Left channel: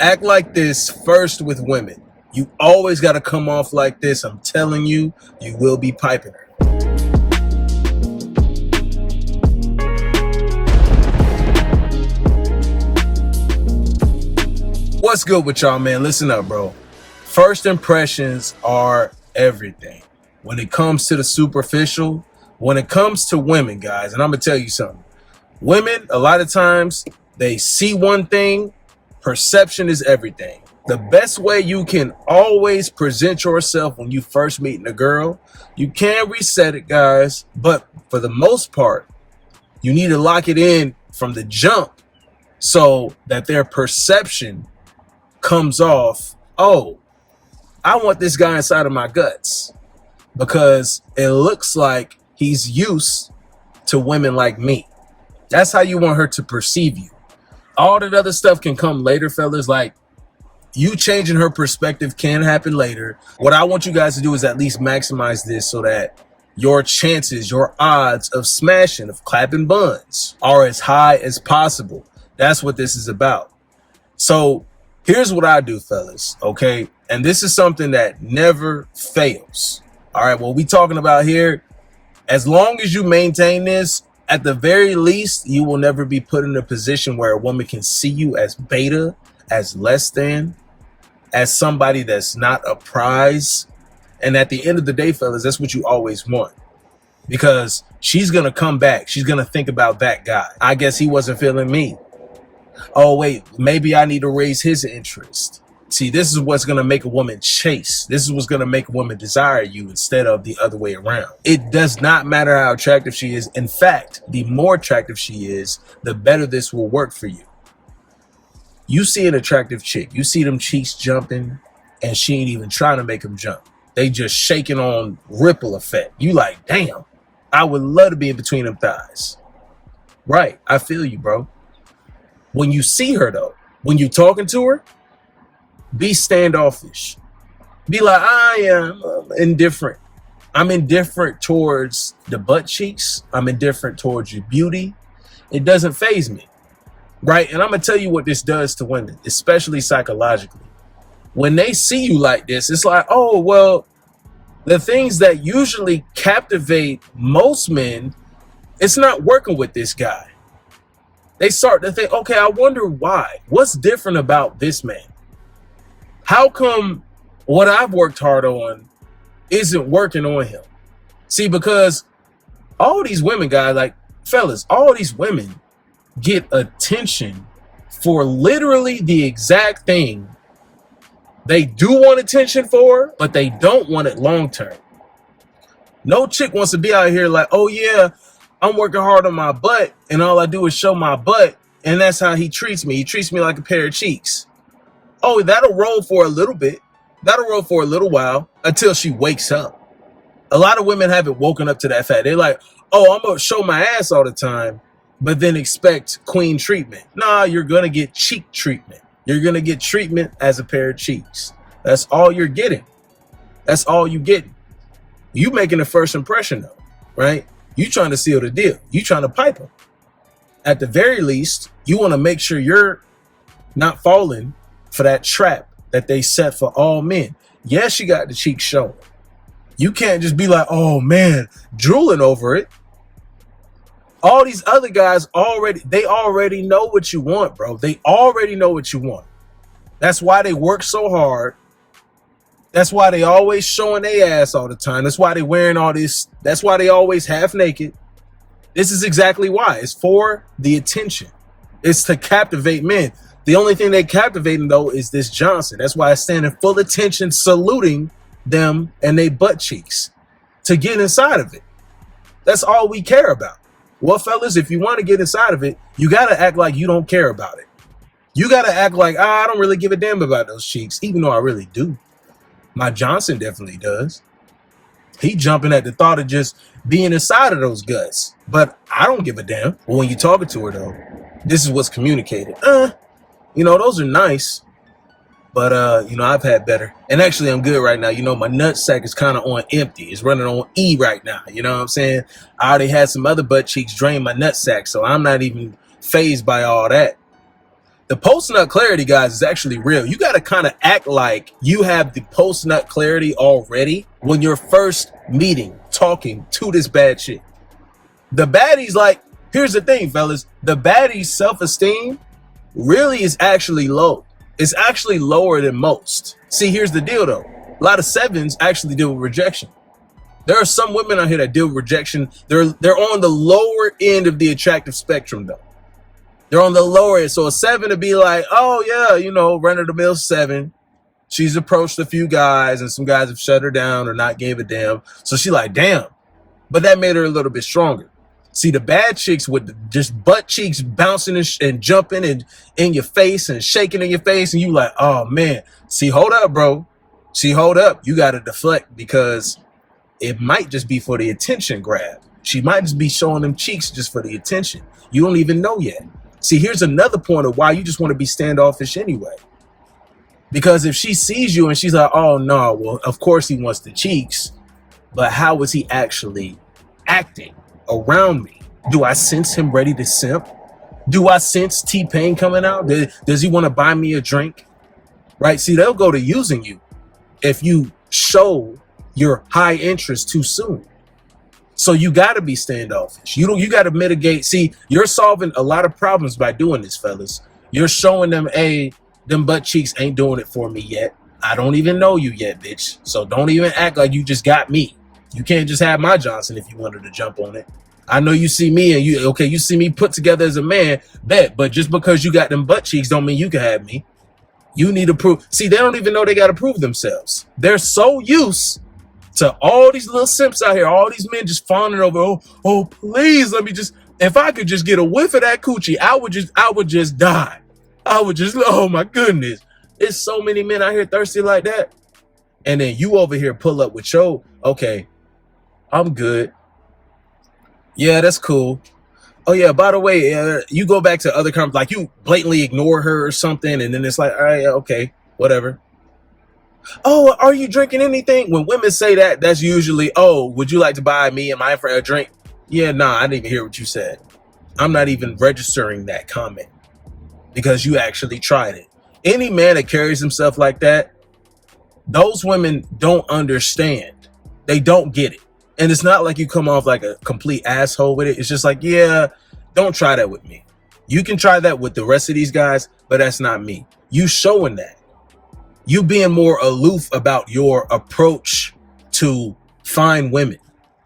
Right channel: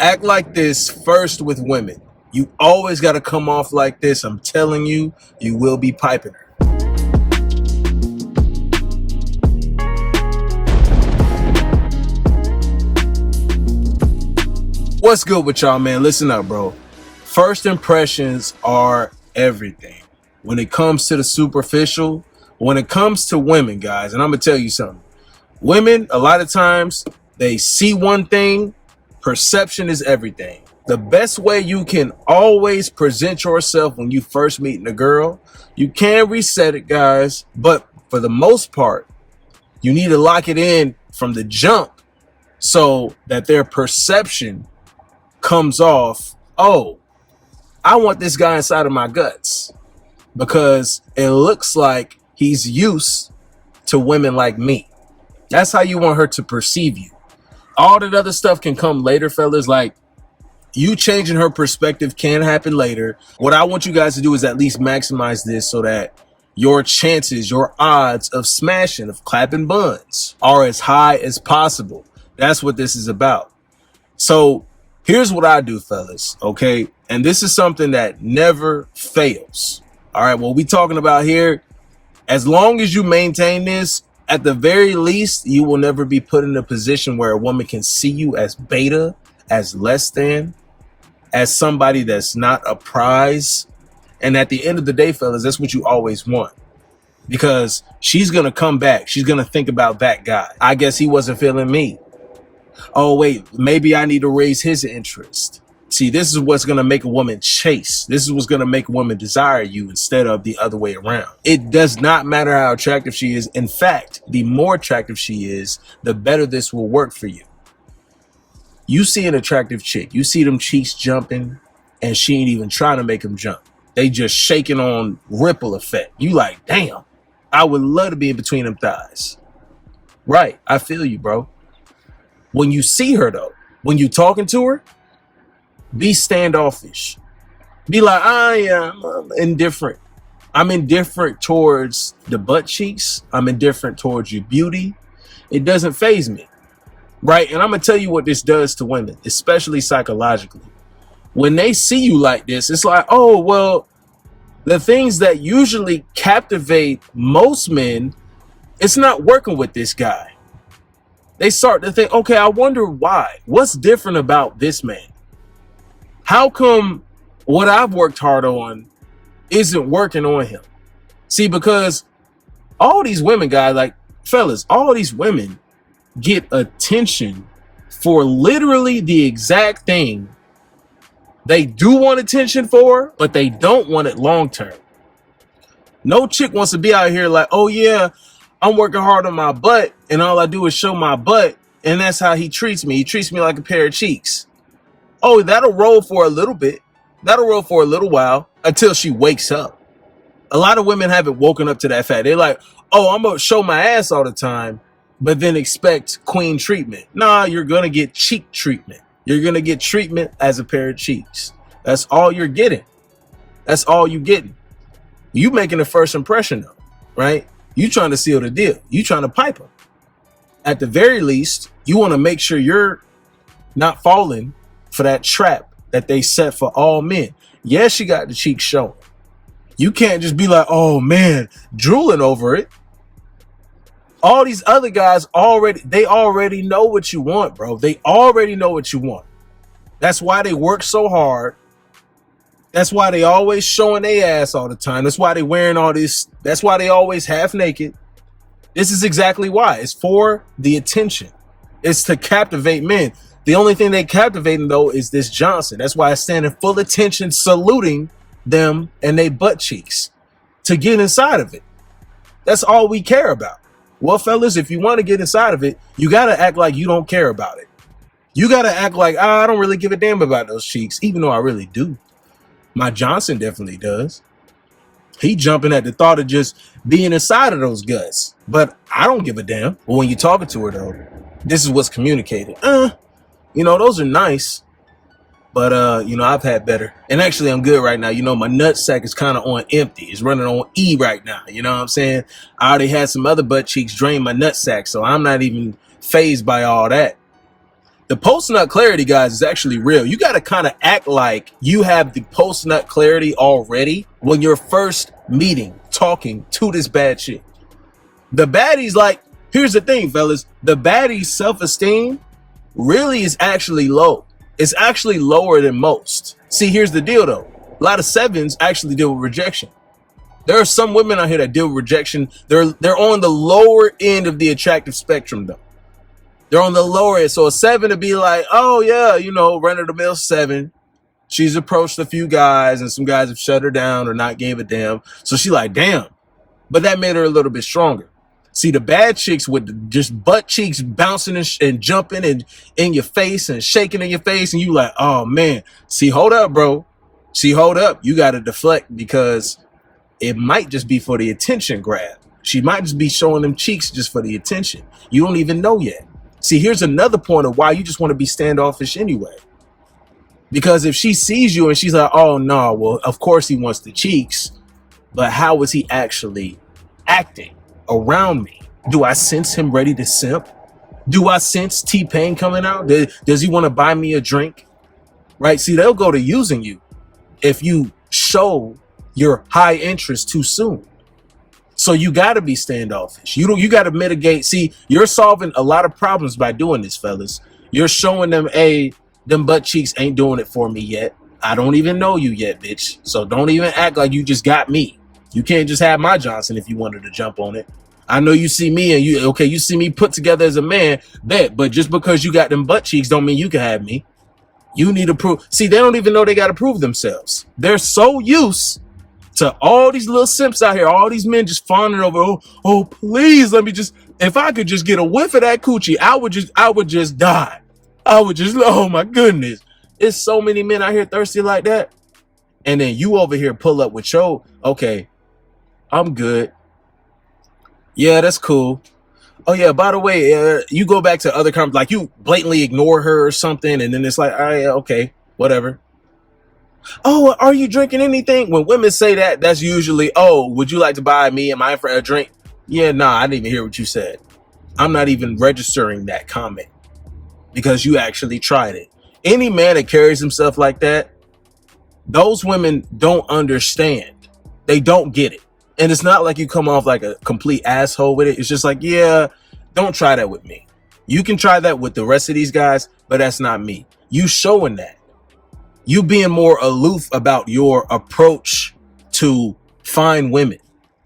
Act like this first with women. You always got to come off like this. I'm telling you, you will be piping her. What's good with y'all, man? Listen up, bro. First impressions are everything. When it comes to the superficial, when it comes to women, guys, and I'm going to tell you something. Women, a lot of times, they see one thing. Perception is everything. The best way you can always present yourself when you first meet a girl, you can reset it, guys, but for the most part, you need to lock it in from the jump so that their perception comes off, oh, I want this guy inside of my guts because it looks like he's used to women like me. That's how you want her to perceive you. All that other stuff can come later, fellas. Like, you changing her perspective can happen later. What I want you guys to do is at least maximize this so that your chances, your odds of smashing, of clapping buns are as high as possible. That's what this is about. So here's what I do, fellas, okay? And this is something that never fails. All right, what we talking about here, as long as you maintain this, at the very least, you will never be put in a position where a woman can see you as beta, as less than, as somebody that's not a prize. And at the end of the day, fellas, that's what you always want. Because she's going to come back. She's going to think about that guy. I guess he wasn't feeling me. Oh, wait, maybe I need to raise his interest. See, this is what's going to make a woman chase. This is what's going to make a woman desire you instead of the other way around. It does not matter how attractive she is. In fact, the more attractive she is, the better this will work for you. You see an attractive chick, you see them cheeks jumping, and she ain't even trying to make them jump. They just shaking on ripple effect. You like, damn, I would love to be in between them thighs. Right, I feel you, bro. When you see her, though, when you're talking to her, be standoffish. Be like, I am indifferent. I'm indifferent towards the butt cheeks. I'm indifferent towards your beauty. It doesn't faze me. Right? And I'm going to tell you what this does to women, especially psychologically. When they see you like this, it's like, oh, well, the things that usually captivate most men, it's not working with this guy. They start to think, okay, I wonder why. What's different about this man? How come what I've worked hard on isn't working on him? See, because all these women, guys, like, fellas, all these women get attention for literally the exact thing they do want attention for, but they don't want it long term. No chick wants to be out here like, oh yeah, I'm working hard on my butt and all I do is show my butt and that's how he treats me. He treats me like a pair of cheeks. Oh, that'll roll for a little bit. That'll roll for a little while until she wakes up. A lot of women haven't woken up to that fact. They're like, oh, I'm going to show my ass all the time, but then expect queen treatment. Nah, you're going to get cheek treatment. You're going to get treatment as a pair of cheeks. That's all you're getting. That's all you getting. You making the first impression though, right? You trying to seal the deal. You trying to pipe her. At the very least, you want to make sure you're not falling for that trap that they set for all men. Yes, you got the cheeks showing. You can't just be like, oh man, drooling over it. All these other guys they already know what you want, bro. They already know what you want. That's why they work so hard. That's why they always showing their ass all the time. That's why they wearing all this. That's why they always half naked. This is exactly why. It's for the attention. It's to captivate men. The only thing they captivating though is this Johnson. That's why I stand in full attention saluting them and they butt cheeks to get inside of it. That's all we care about. Well, fellas, if you want to get inside of it, you got to act like you don't care about it. You got to act like, I don't really give a damn about those cheeks, even though I really do. My Johnson definitely does. He jumping at the thought of just being inside of those guts. But I don't give a damn. Well, when you're talking to her, though, this is what's communicated. Those are nice. But, I've had better. And actually, I'm good right now. My nut sack is kind of on empty. It's running on E right now. You know what I'm saying? I already had some other butt cheeks drain my nut sack. So I'm not even fazed by all that. The post-nut clarity, guys, is actually real. You got to kind of act like you have the post-nut clarity already when you're first meeting, talking to this bad chick. The baddie's like, here's the thing, fellas. The baddie's self-esteem really is actually low. It's actually lower than most. See, here's the deal, though. A lot of sevens actually deal with rejection. There are some women out here that deal with rejection. They're on the lower end of the attractive spectrum, though. They're on the lower end. So a 7 to be like, oh, yeah, you know, run-of-the-mill 7. She's approached a few guys, and some guys have shut her down or not gave a damn. So she like, damn. But that made her a little bit stronger. See, the bad chicks with just butt cheeks bouncing and jumping and in your face and shaking in your face, and you like, oh, man. See, hold up, bro. See, hold up. You got to deflect because it might just be for the attention grab. She might just be showing them cheeks just for the attention. You don't even know yet. See, here's another point of why you just want to be standoffish anyway. Because if she sees you and she's like, oh, no, well, of course he wants the cheeks, but how is he actually acting around me? Do I sense him ready to simp? Do I sense T-Pain coming out? Does he want to buy me a drink? Right? See, they'll go to using you if you show your high interest too soon. So you got to be standoffish. You got to mitigate. See, you're solving a lot of problems by doing this, fellas. You're showing them, hey, them butt cheeks ain't doing it for me yet. I don't even know you yet, bitch. So don't even act like you just got me. You can't just have my Johnson if you wanted to jump on it. I know you see me and you see me put together as a man, but just because you got them butt cheeks don't mean you can have me. You need to prove. See, they don't even know they got to prove themselves. They're so used to all these little simps out here, all these men just fawning over, oh, please, let me just, if I could just get a whiff of that coochie, I would just die. I would just, oh my goodness. It's so many men out here thirsty like that. And then you over here pull up with your, okay, I'm good. Yeah, that's cool. Oh yeah, by the way, you go back to other comments, like you blatantly ignore her or something, and then it's like, all right, okay, whatever. Oh, are you drinking anything? When women say that, that's usually, oh, would you like to buy me and my friend a drink? Yeah, nah, I didn't even hear what you said. I'm not even registering that comment because you actually tried it. Any man that carries himself like that, those women don't understand. They don't get it. And it's not like you come off like a complete asshole with it. It's just like, yeah, don't try that with me. You can try that with the rest of these guys, but that's not me. You showing that. You being more aloof about your approach to fine women,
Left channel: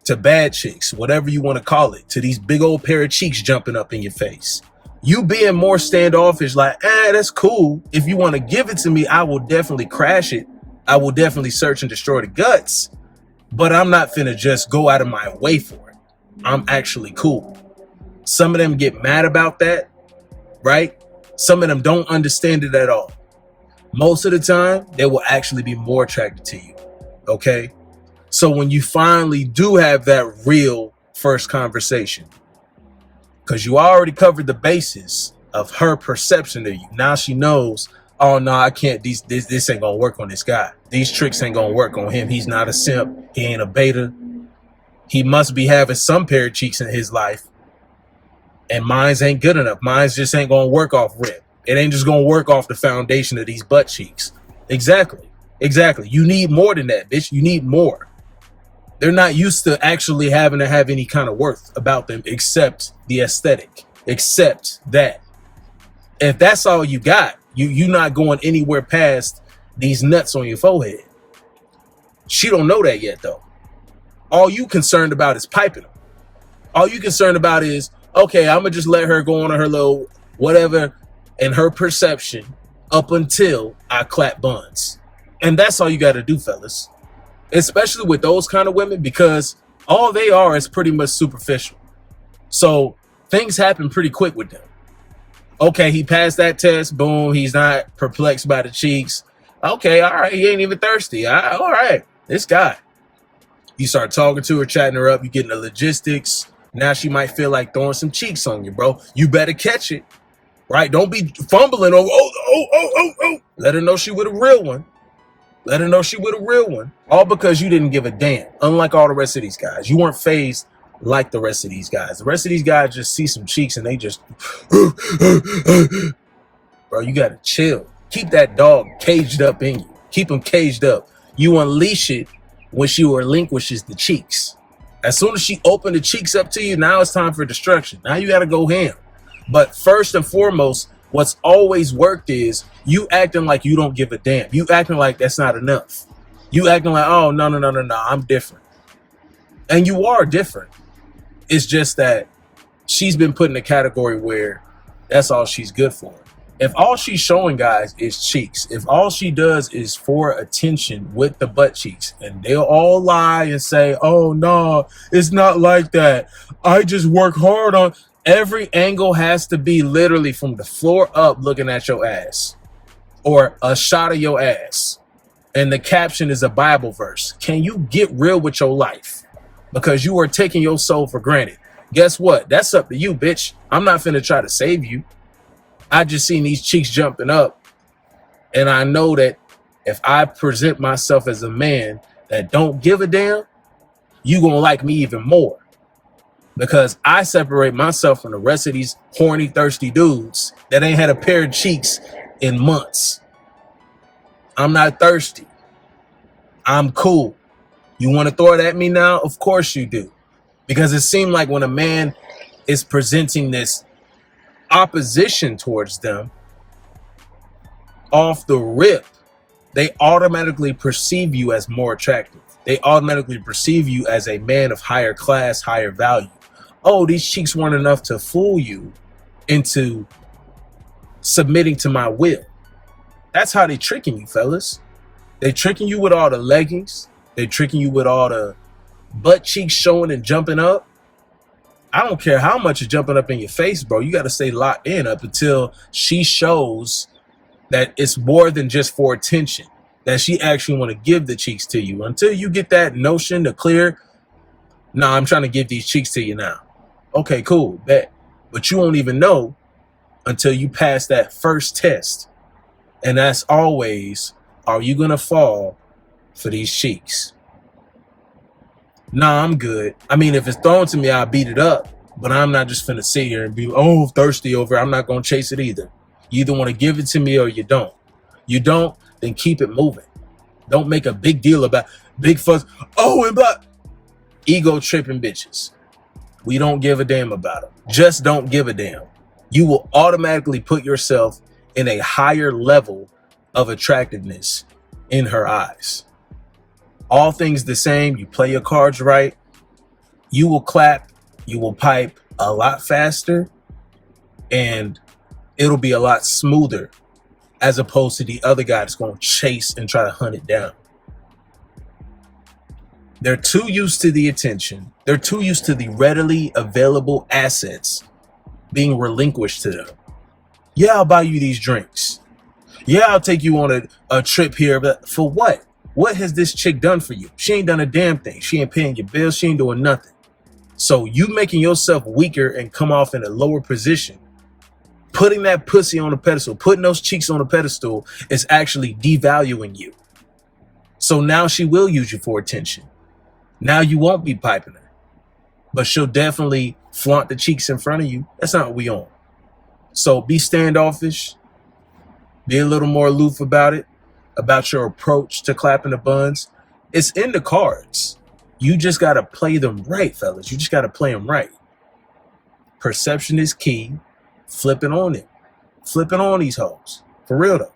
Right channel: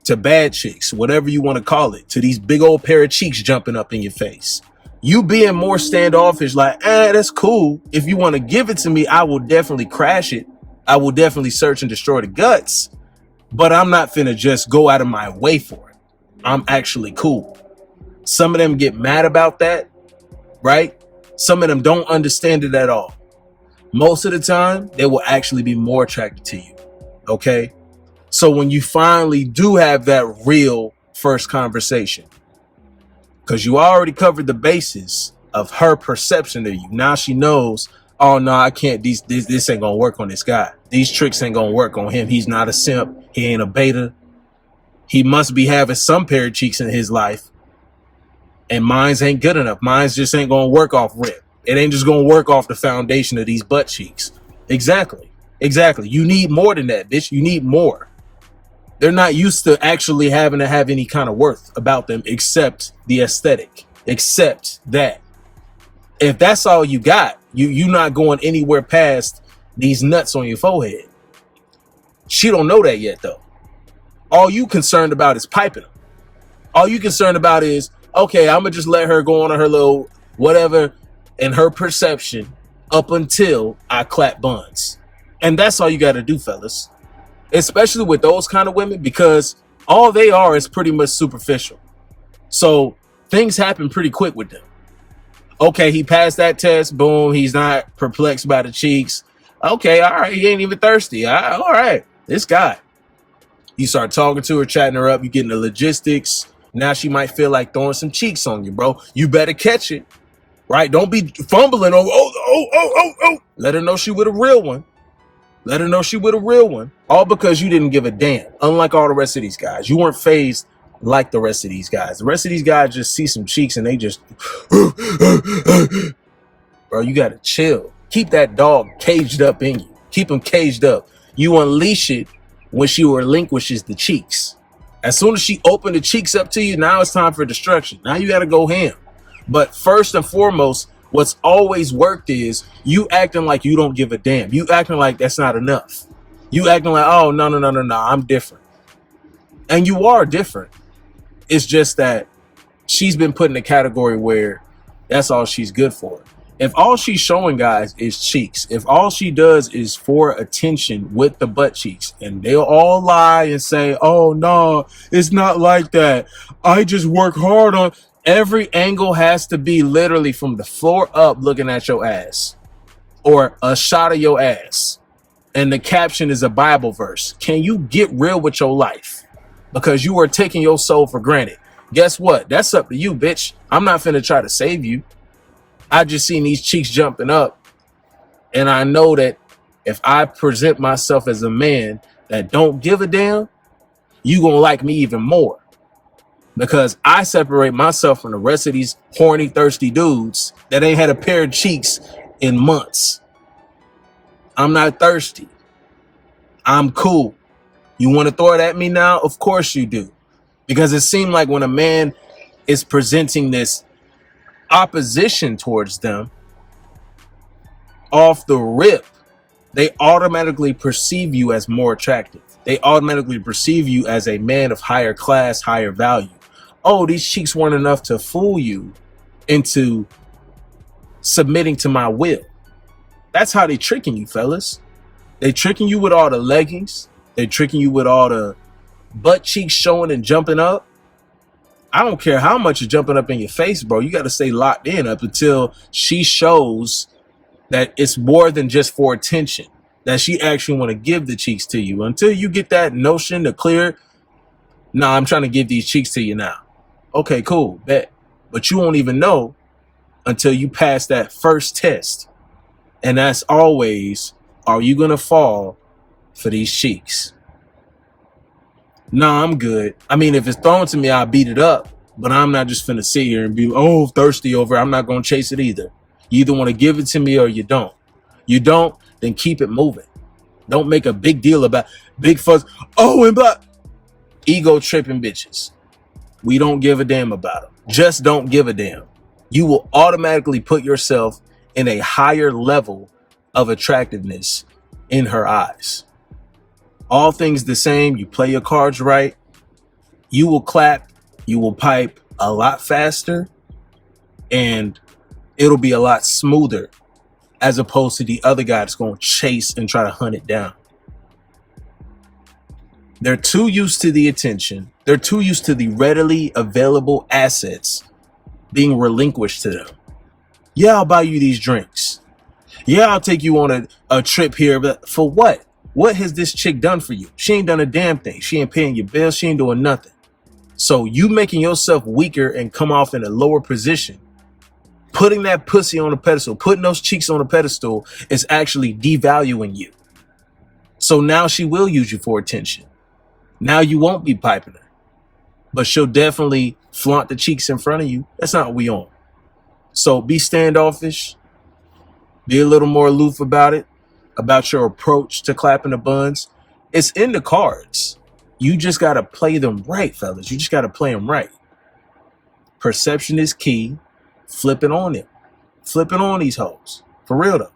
to bad chicks, whatever you want to call it, to these big old pair of cheeks jumping up in your face. You being more standoffish, like, that's cool. If you want to give it to me, I will definitely crash it. I will definitely search and destroy the guts. But I'm not finna just go out of my way for it. I'm actually cool. Some of them get mad about that, right? Some of them don't understand it at all. Most of the time, they will actually be more attracted to you, okay? So when you finally do have that real first conversation, because you already covered the basis of her perception of you. Now she knows, oh no, I can't, this ain't gonna work on this guy. These tricks ain't gonna work on him. He's not a simp. He ain't a beta. He must be having some pair of cheeks in his life. And mine's ain't good enough. Mine's just ain't gonna work off rip. It ain't just gonna work off the foundation of these butt cheeks. Exactly. You need more than that, bitch. You need more. They're not used to actually having to have any kind of worth about them except the aesthetic, except that. If that's all you got, you're not going anywhere past these nuts on your forehead. She don't know that yet, though. All you concerned about is piping them. All you concerned about is, okay, I'm going to just let her go on her little whatever and her perception up until I clap buns. And that's all you got to do, fellas. Especially with those kind of women, because all they are is pretty much superficial. So things happen pretty quick with them. Okay, he passed that test. Boom. He's not perplexed by the cheeks. Okay, all right. He ain't even thirsty. All right. This guy. You start talking to her, chatting her up. You getting the logistics. Now she might feel like throwing some cheeks on you, bro. You better catch it. Right? Don't be fumbling over. Oh. Let her know she with a real one. Let her know she with a real one. All because you didn't give a damn. Unlike all the rest of these guys. You weren't phased like the rest of these guys. The rest of these guys just see some cheeks and they just bro. You got to chill. Keep that dog caged up in you. Keep him caged up. You unleash it when she relinquishes the cheeks. As soon as she opened the cheeks up to you, now it's time for destruction. Now you got to go ham. But first and foremost, what's always worked is you acting like you don't give a damn. You acting like that's not enough. You acting like, oh, no, I'm different. And you are different. It's just that she's been put in a category where that's all she's good for. If all she's showing guys is cheeks, if all she does is for attention with the butt cheeks, and they'll all lie and say, oh, no, it's not like that. I just work hard on. Every angle has to be literally from the floor up looking at your ass or a shot of your ass. And the caption is a Bible verse. Can you get real with your life? Because you are taking your soul for granted. Guess what? That's up to you, bitch. I'm not finna try to save you. I just seen these cheeks jumping up. And I know that if I present myself as a man that don't give a damn, you gonna like me even more. Because I separate myself from the rest of these horny, thirsty dudes that ain't had a pair of cheeks in months. I'm not thirsty. I'm cool. You want to throw it at me now? Of course you do. Because it seemed like when a man is presenting this opposition towards them, off the rip, they automatically perceive you as more attractive. They automatically perceive you as a man of higher class, higher value. Oh, these cheeks weren't enough to fool you into submitting to my will. That's how they tricking you, fellas. They tricking you with all the leggings. They tricking you with all the butt cheeks showing and jumping up. I don't care how much is jumping up in your face, bro. You got to stay locked in up until she shows that it's more than just for attention, that she actually want to give the cheeks to you. Until you get that notion to clear, nah, I'm trying to give these cheeks to you now. Okay, cool, bet. But you won't even know until you pass that first test. And that's always, are you going to fall for these cheeks? Nah, I'm good. I mean, if it's thrown to me, I'll beat it up. But I'm not just finna sit here and be, oh, thirsty over it. I'm not going to chase it either. You either want to give it to me or you don't. You don't, then keep it moving. Don't make a big deal about big fuss. Oh, and but ego tripping bitches. We don't give a damn about them. Just don't give a damn. You will automatically put yourself in a higher level of attractiveness in her eyes. All things the same, you play your cards right, you will clap, you will pipe a lot faster, and it'll be a lot smoother as opposed to the other guy that's going to chase and try to hunt it down. They're too used to the attention. They're too used to the readily available assets being relinquished to them. Yeah, I'll buy you these drinks. Yeah, I'll take you on a trip here, but for what? What has this chick done for you? She ain't done a damn thing. She ain't paying your bills. She ain't doing nothing. So you making yourself weaker and come off in a lower position, putting that pussy on a pedestal, putting those cheeks on a pedestal is actually devaluing you. So now she will use you for attention. Now you won't be piping her, but she'll definitely flaunt the cheeks in front of you. That's not what we on. So be standoffish. Be a little more aloof about it, about your approach to clapping the buns. It's in the cards. You just got to play them right, fellas. You just got to play them right. Perception is key. Flipping on it. Flipping on these hoes. For real, though.